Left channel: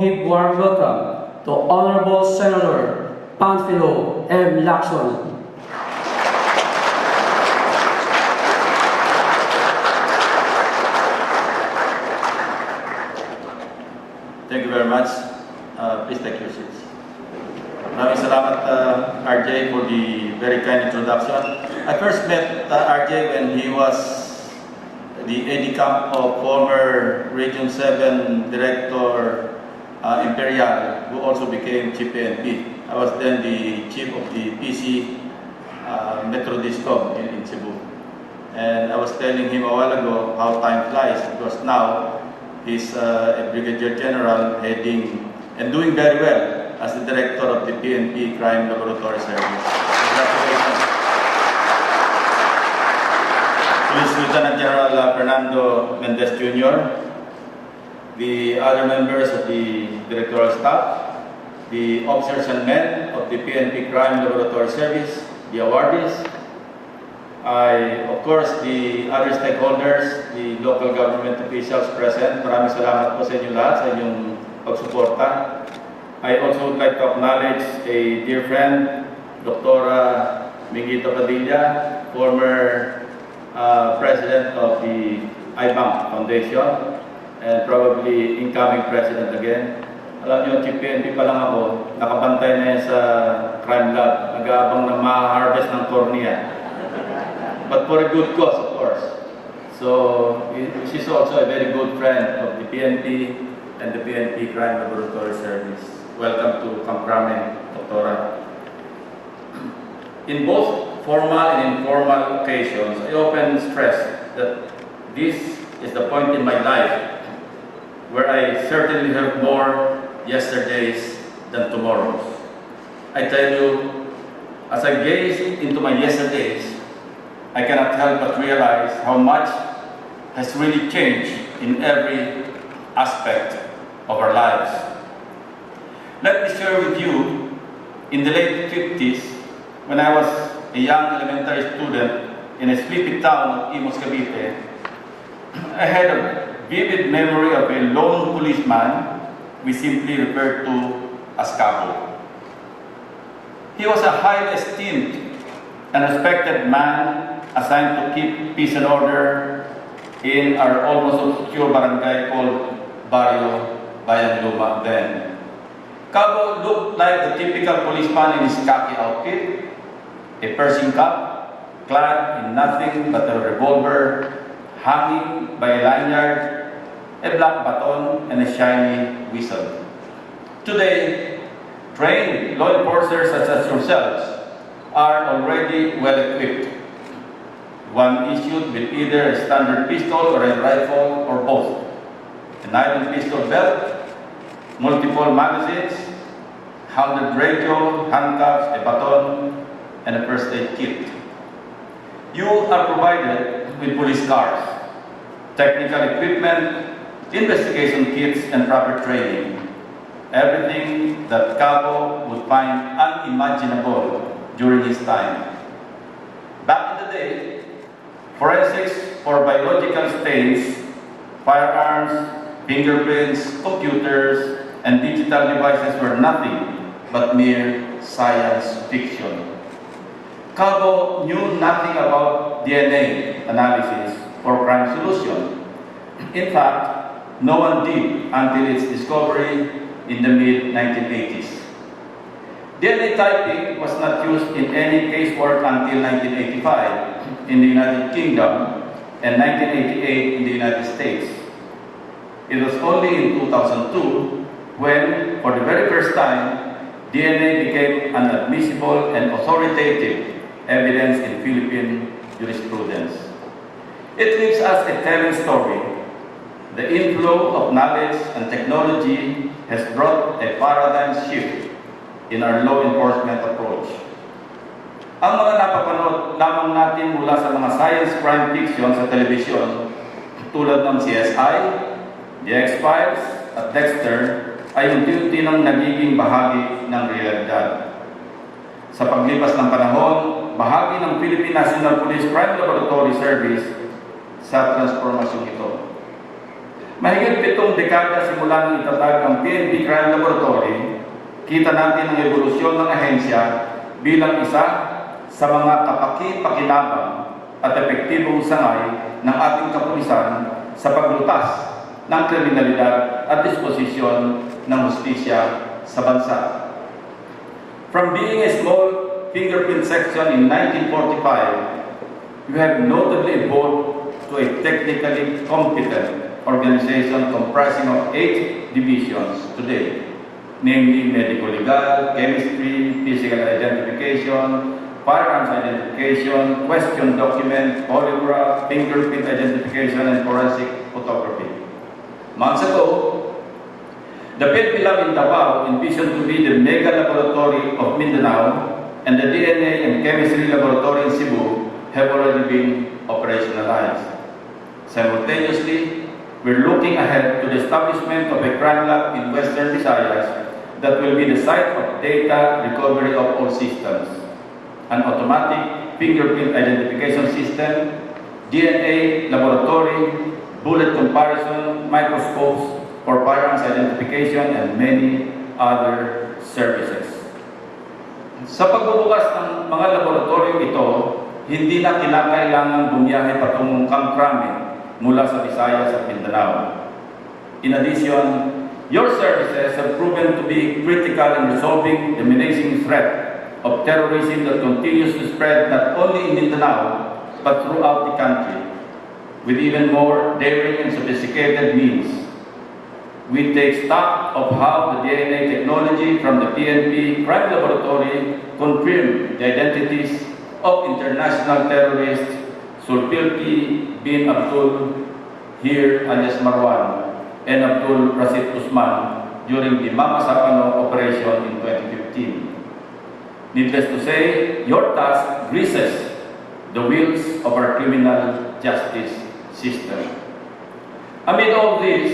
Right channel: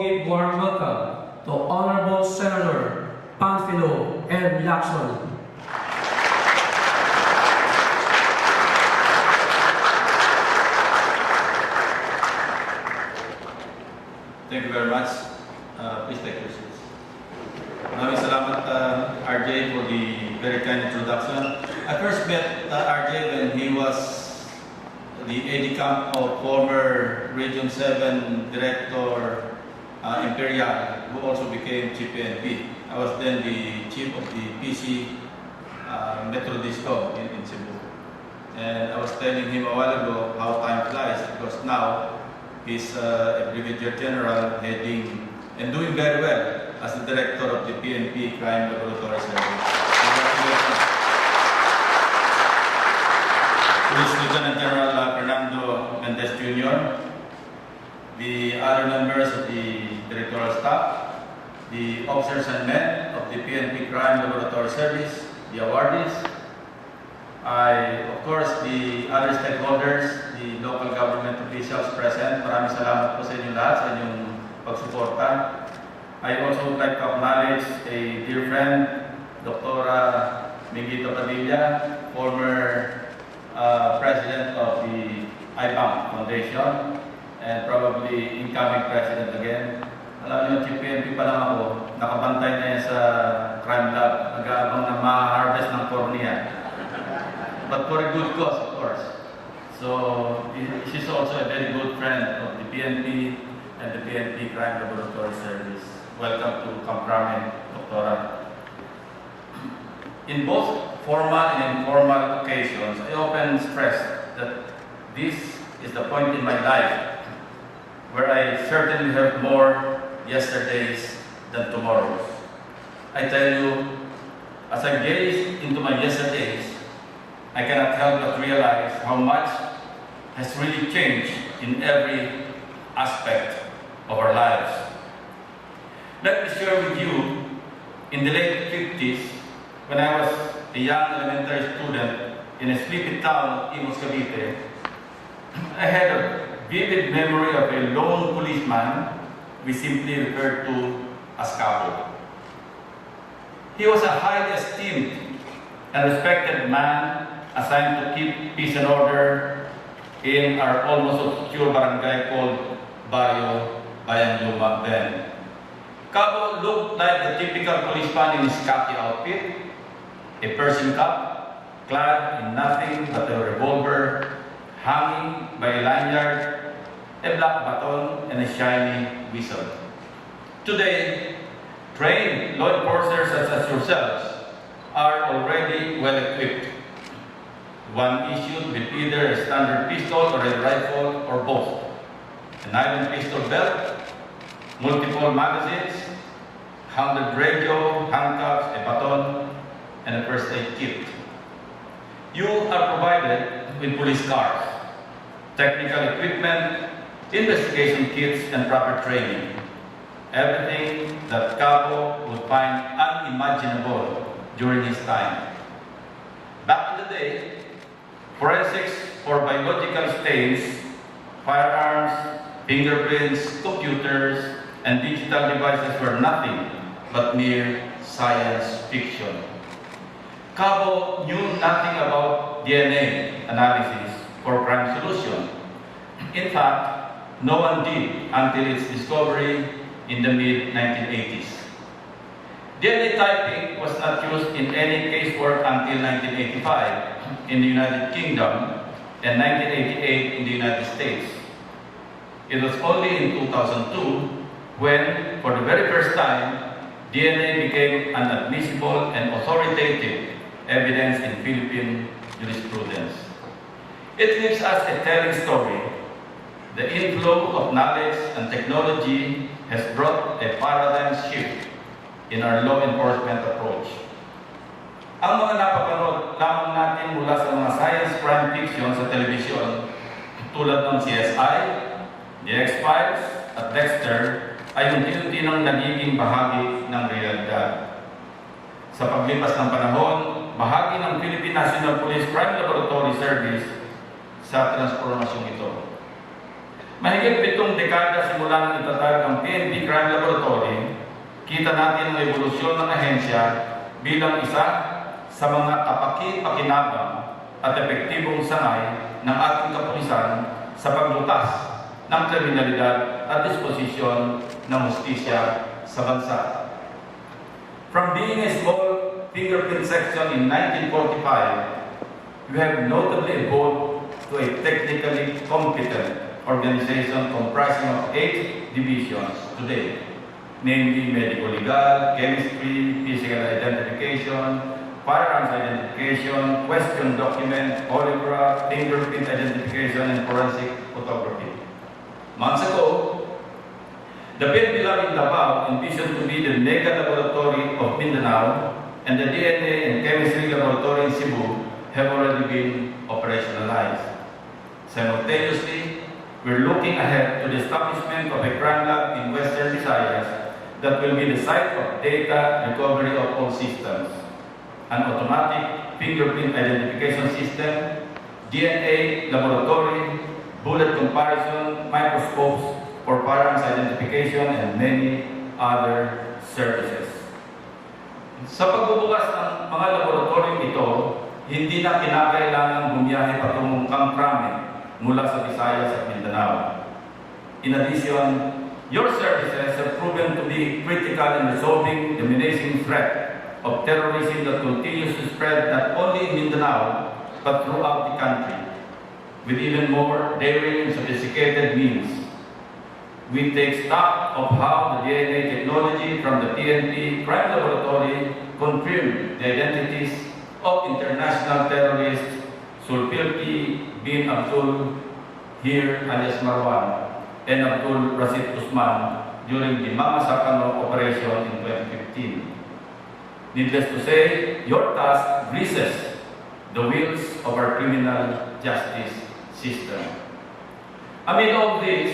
Give warm welcome to Honorable Senator Panfilo M. Lacson. Thank you very much. Please take your seats. Maraming salamat, RJ, for the very kind introduction. I first met RJ when he was the AD-Camp of former Region 7 Director Imperial, who also became Chief PNP. I was then the Chief of the PC Metro Discom in Cebu. And I was telling him a while ago how time flies, because now he's a Brigadier General heading and doing very well as the Director of the PNP Crime Laboratory Service. Congratulations. Police Lieutenant General Fernando Mendez Jr., the other members of the directorial staff, the officers and men of the PNP Crime Laboratory Service, the awardees, of course, the other stakeholders, the local government officials present. Maraming salamat po sa inyo lahat sa inyong pagsuporta. I also would like to acknowledge a dear friend, Dr. Miguito Padilla, former president of the PNP Foundation, and probably incoming president again. Alam niyo, Chief PNP pa lang ako, nakabantay na yan sa crime lab, nag-aabang na ma-harvest ng cornea. But for a good cause, of course. So, she's also a very good friend of the PNP and the PNP Crime Laboratory Service. Welcome to Camp Ramen, Doktora. In both formal and informal occasions, I often stress that this is the point in my life where I certainly have more yesterdays than tomorrows. I tell you, as I gaze into my yesterdays, I cannot help but realize how much has really changed in every aspect of our lives. Let me share with you, in the late 50s, when I was a young elementary student in a sleepy town of Imus, Cavite, I had a vivid memory of a lone policeman we simply referred to as Cabo. He was a highly esteemed and respected man assigned to keep peace and order in our almost obscure barangay called Barrio Bayang Luma then. Cabo looked like the typical policeman in his khaki outfit, a Pershing cap, clad in nothing but a revolver hanging by a lanyard, a black baton, and a shiny whistle. Today, trained law enforcers such as yourselves are already well equipped. One issued with either a standard pistol or a rifle or both, a nylon pistol belt, multiple magazines, handled radio, handcuffs, a baton, and a first aid kit. You are provided with police cars, technical equipment, investigation kits, and proper training. Everything that Cabo would find unimaginable during his time. Back in the day, forensics for biological stains, firearms, fingerprints, computers, and digital devices were nothing but mere science fiction. Cabo knew nothing about DNA analysis or crime solution. In fact, no one did until its discovery in the mid-1980s. DNA typing was not used in any casework until 1985 in the United Kingdom and 1988 in the United States. It was only in 2002 when, for the very first time, DNA became an admissible and authoritative evidence in Philippine jurisprudence. It leaves us a telling story. The inflow of knowledge and technology has brought a paradigm shift in our law enforcement approach. Ang mga napapanood lamang natin mula sa mga science crime fiction sa telebisyon tulad ng CSI, The X-Files at Dexter ay unti-unti nang nagiging bahagi ng realidad. Sa paglipas ng panahon, bahagi ng Philippine National Police Crime Laboratory Service sa transformasyong ito. Mahigit 7 dekada simula nang itatag ang PNP Crime Laboratory, kita natin ang ebolusyon ng ahensya bilang isa sa mga kapaki-pakinabang at epektibong sangay ng ating kapulisan sa paglutas ng kriminalidad at disposisyon ng hustisya sa bansa. From being a small fingerprint section in 1945, we have notably evolved to a technically competent organization comprising of 8 divisions today, namely medical legal, chemistry, physical identification, firearms identification, question document, polygraph, fingerprint identification, and forensic photography. Months ago, the PNP Lab in Davao, envisioned to be the mega laboratory of Mindanao, and the DNA and chemistry laboratory in Cebu have already been operationalized. Simultaneously, we're looking ahead to the establishment of a crime lab in Western Visayas that will be the site of data recovery of all systems, an automatic fingerprint identification system, DNA laboratory, bullet comparison, microscopes for firearms identification, and many other services. Sa pagbubukas ng mga laboratoryong ito, hindi na kinakailangan bumiyahe patungong Camp Crame mula sa Visayas at Mindanao. In addition, your services have proven to be critical in resolving the menacing threat of terrorism that continues to spread not only in Mindanao but throughout the country, with even more daring and sophisticated means. We take stock of how the DNA technology from the PNP Crime Laboratory confirmed the identities of international terrorists Sulfilki bin Abdul Hir alias Marwan and Abdul Rasid Usman during the Mama Sapano operation in 2015. Needless to say, your task greases the wheels of our criminal justice system. Amid all this,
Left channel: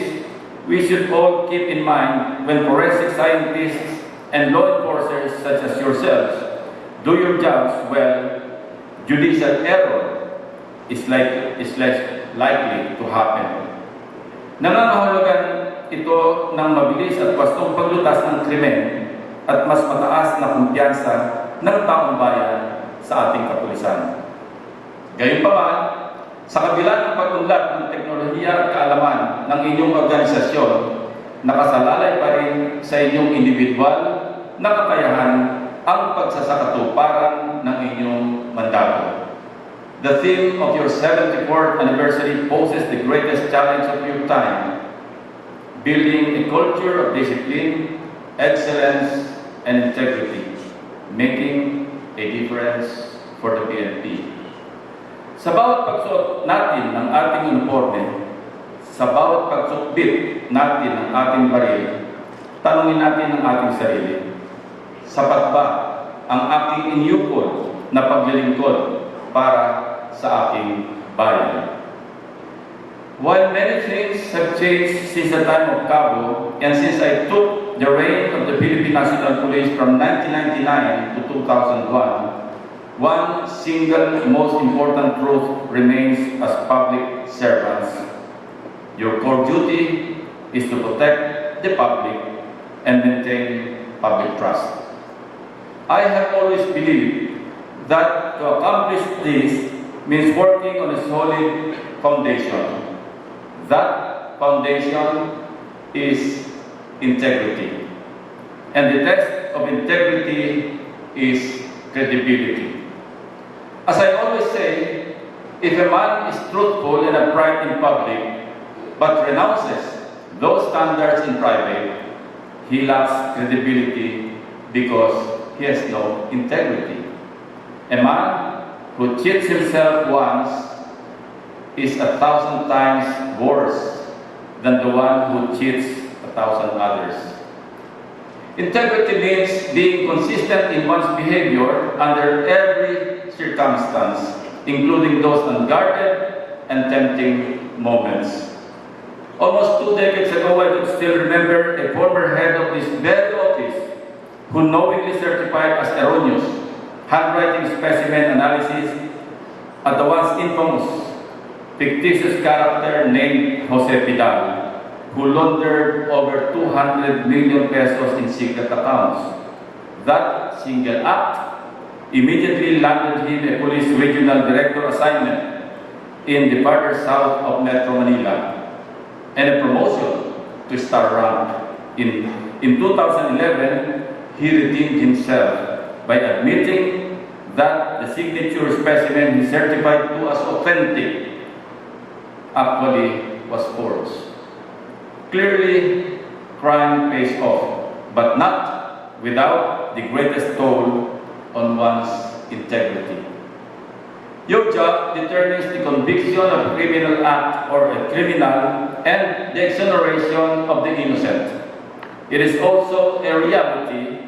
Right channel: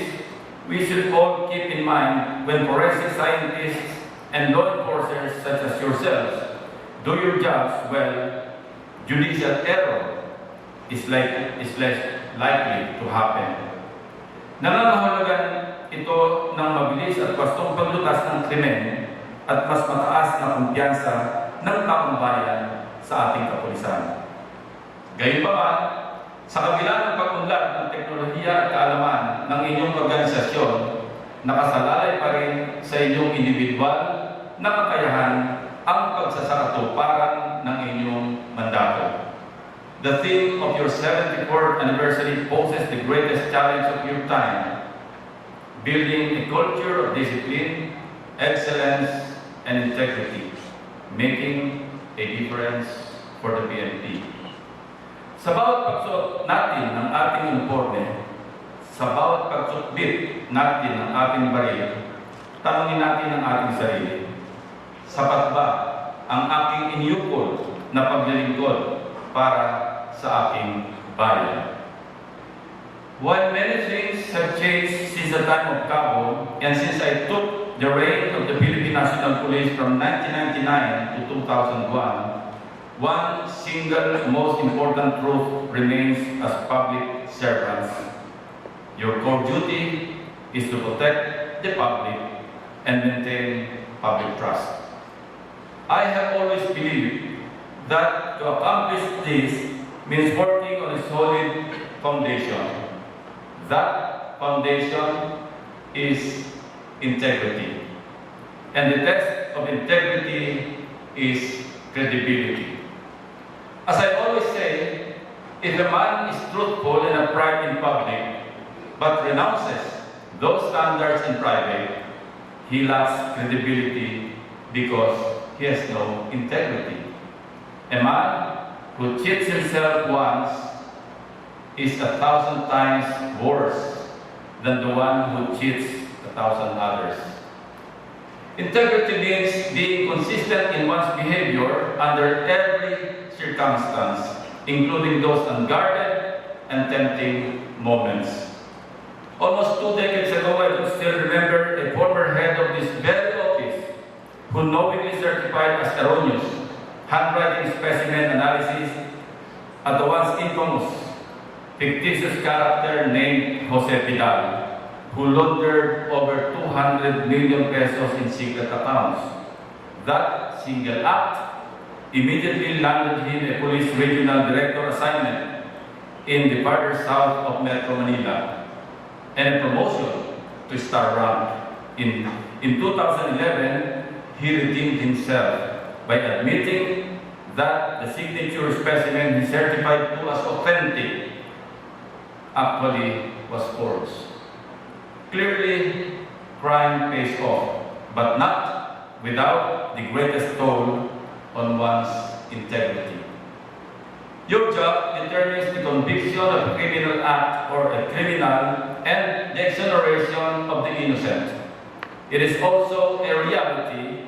we should all keep in mind when forensic scientists and law enforcers such as yourselves do your jobs well, judicial error is less likely to happen. Nangangahulugan ito ng mabilis at wastong paglutas ng krimen at mas mataas na kumpiyansa ng taong bayan sa ating kapulisan. Gayunpaman, sa kabila ng pag-unlad ng teknolohiya at kaalaman ng inyong organisasyon, nakasalalay pa rin sa inyong individual na kakayahan ang pagsasakatuparan ng inyong mandato. The theme of your 74th anniversary poses the greatest challenge of your time, building a culture of discipline, excellence, and integrity, making a difference for the PNP. Sa bawat pagsuot natin ng ating uniforme, sa bawat pagsukbit natin ng ating baril, tanungin natin ang ating sarili, sapat ba ang aking inyukol na paglilingkod para sa aking bayan? While many things have changed since the time of Cabo and since I took the reign of the Philippine National Police from 1999 to 2001, one single most important truth remains as public servants. Your core duty is to protect the public and maintain public trust. I have always believed that to accomplish this means working on a solid foundation. That foundation is integrity. And the test of integrity is credibility. As I always say, if a man is truthful and upright in public, but renounces those standards in private, he lacks credibility because he has no integrity. A man who cheats himself once is 1,000 times worse than the one who cheats 1,000 others. Integrity means being consistent in one's behavior under every circumstance, including those unguarded and tempting moments. Almost 2 decades ago, I could still remember a former head of this very office who knowingly certified as erroneous handwriting specimen analysis at the once infamous fictitious character named Jose Pidal who laundered over 200 million pesos in secret accounts. That single act immediately landed him a police regional director assignment in the farther south of Metro Manila and a promotion to star rank. In 2011, he redeemed himself by admitting that the signature specimen he certified to as authentic actually was forged. Clearly, crime pays off, but not without the greatest toll on one's integrity. Your job determines the conviction of a criminal act or a criminal and the exoneration of the innocent. It is also a reality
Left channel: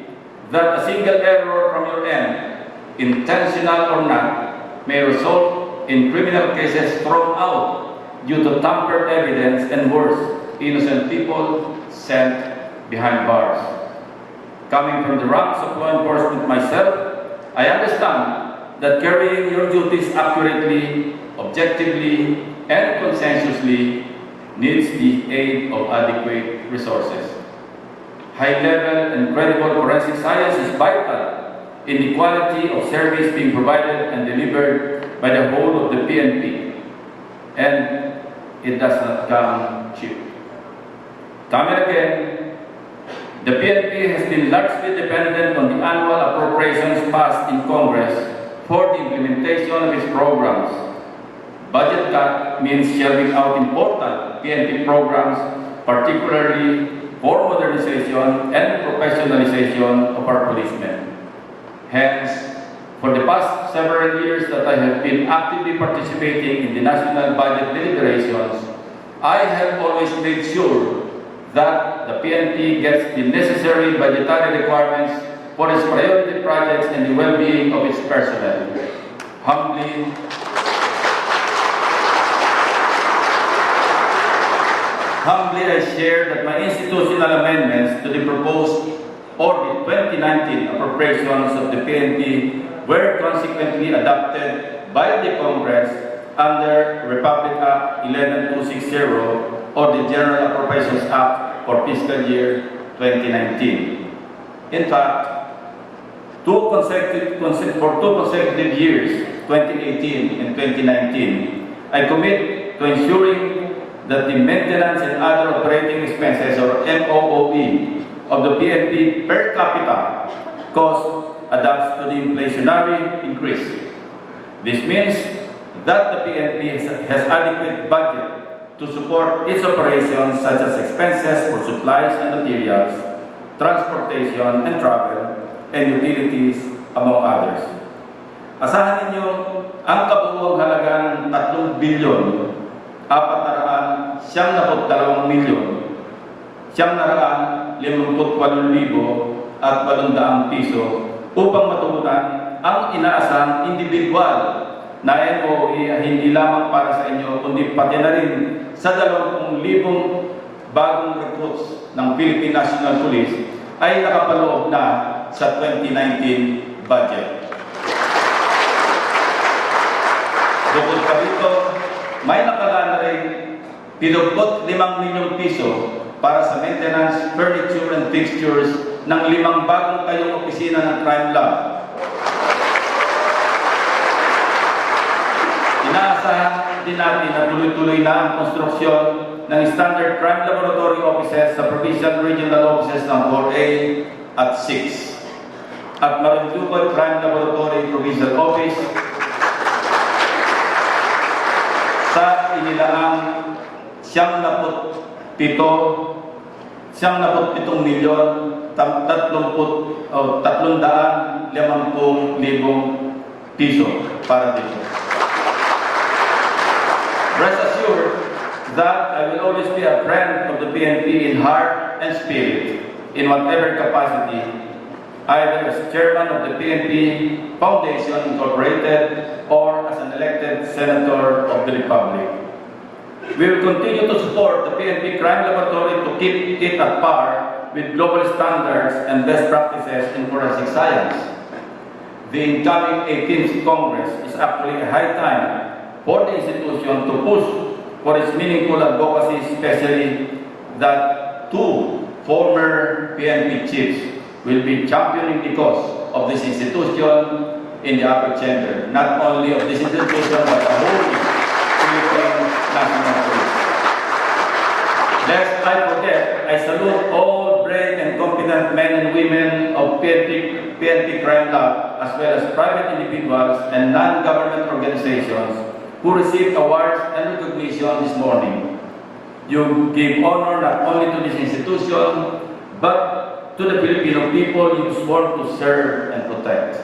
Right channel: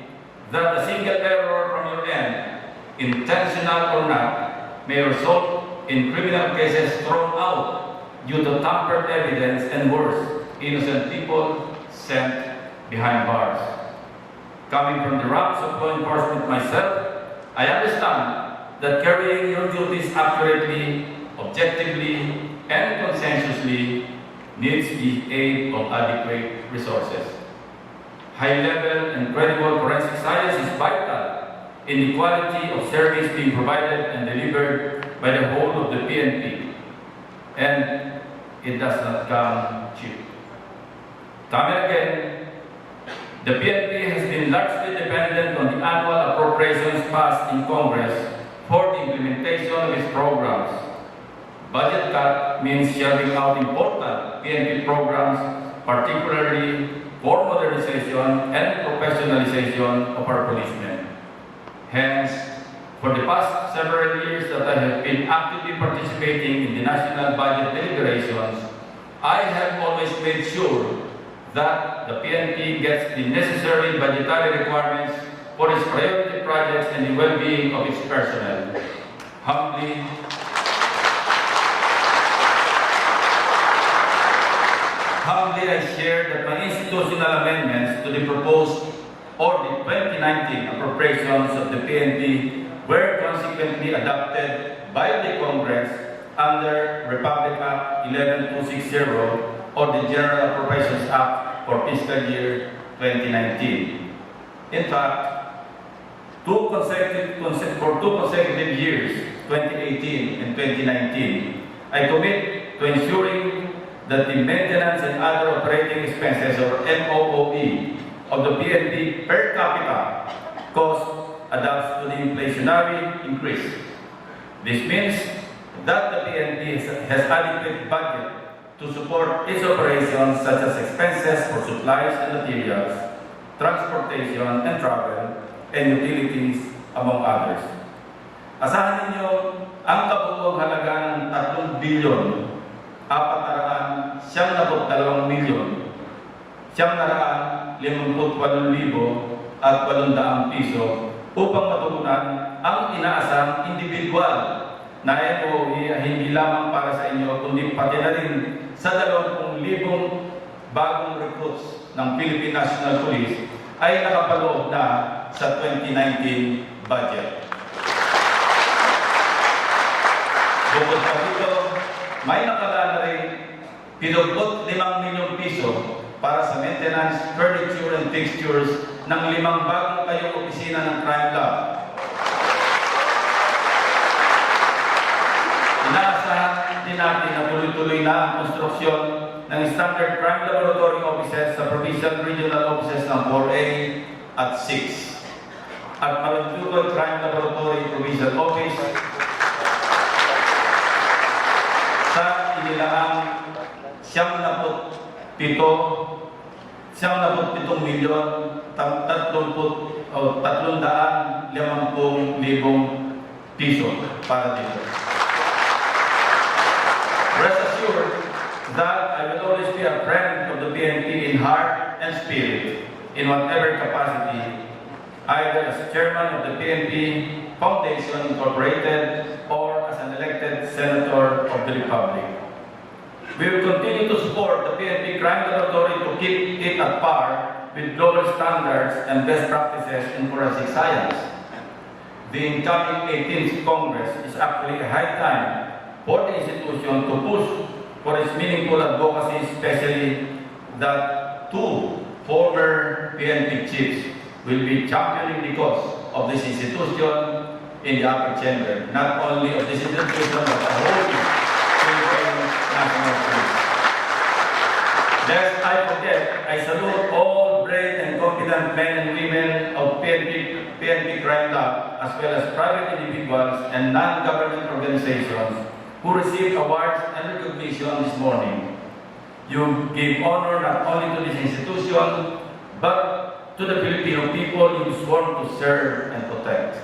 that a single error from your end, intentional or not, may result in criminal cases thrown out due to tampered evidence and worse, innocent people sent behind bars. Coming from the ranks of law enforcement myself, I understand that carrying your duties accurately, objectively, and conscientiously needs the aid of adequate resources. High-level and credible forensic science is vital in the quality of service being provided and delivered by the whole of the PNP, and it does not come cheap. Time and again, the PNP has been largely dependent on the annual appropriations passed in Congress for the implementation of its programs. Budget cut means shelving out important PNP programs, particularly for modernization and professionalization of our policemen. Hence, for the past several years that I have been actively participating in the national budget deliberations, I have always made sure that the PNP gets the necessary budgetary requirements for its priority projects and the well-being of its personnel. Humbly I share that my institutional amendments to the proposed or the 2019 appropriations of the PNP were consequently adopted by the Congress under Republic Act 11260 or the General Appropriations Act for fiscal year 2019. In fact, for two consecutive years, 2018 and 2019, I commit to ensuring that the maintenance and other operating expenses, or MOOE, of the PNP per capita cost adapts to the inflationary increase. This means that the PNP has adequate budget to support its operations such as expenses for supplies and materials, transportation and travel, and utilities, among others. Asahan ninyo ang kabuuang halaga ng 3 bilyon 492 milyon 758,800 piso upang matugunan ang inaasang individual na MOE hindi lamang para sa inyo kundi pati na rin sa 20,000 bagong recruits ng Philippine National Police ay nakapaloob na sa 2019 budget. Bukod pa dito, may nakalaan na rin 75 milyong piso para sa maintenance, furniture, and fixtures ng 5 bagong tayong opisina ng Crime Lab. Inaasahan din natin na tuloy-tuloy na ang konstruksyon ng Standard Crime Laboratory offices sa Provincial Regional Offices ng 4A at 6 at Marinduque Crime Laboratory Provincial Office sa inilaang 77 milyon 350,000 piso para dito. Rest assured that I will always be a friend of the PNP in heart and spirit, in whatever capacity, either as chairman of the PNP Foundation Incorporated or as an elected senator of the Republic. We will continue to support the PNP Crime Laboratory to keep it at par with global standards and best practices in forensic science. The incoming 18th Congress is actually a high time for the institution to push for its meaningful advocacy, especially that two former PNP chiefs will be championing the cause of this institution in the upper chamber, not only of this institution, but the whole Philippine National Police. Lest I forget, I salute all brave and competent men and women of PNP Crime Lab, as well as private individuals and non-government organizations who received awards and recognition this morning. You give honor not only to this institution, but to the Filipino people you sworn to serve and protect.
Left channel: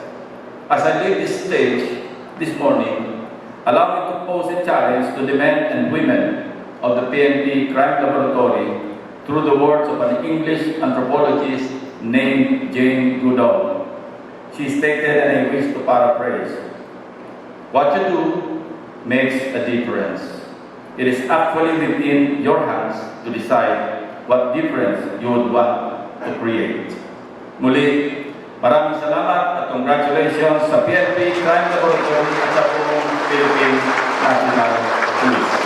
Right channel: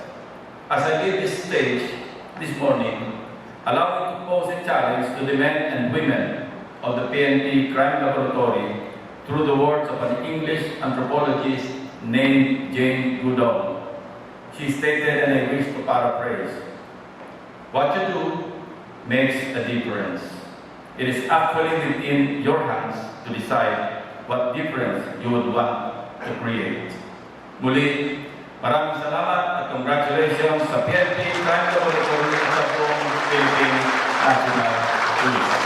As I leave this stage this morning, allow me to pose a challenge to the men and women of the PNP Crime Laboratory through the words of an English anthropologist named Jane Goodall. She stated, and I wish to paraphrase, "What you do makes a difference. It is actually within your hands to decide what difference you would want to create." Muli, maraming salamat at congratulations sa PNP Crime Laboratory at sa buong Philippine National Police.